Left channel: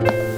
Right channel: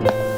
thank you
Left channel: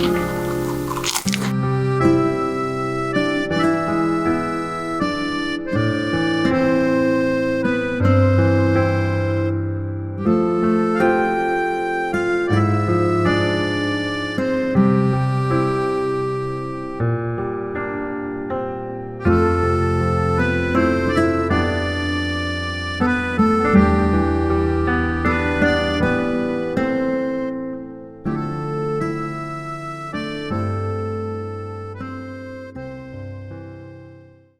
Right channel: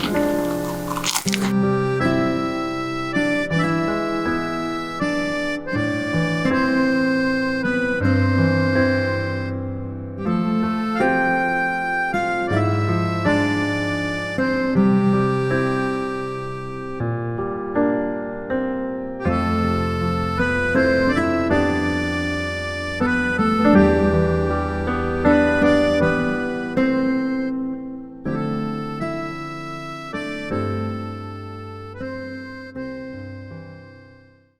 Thank mm -hmm. you.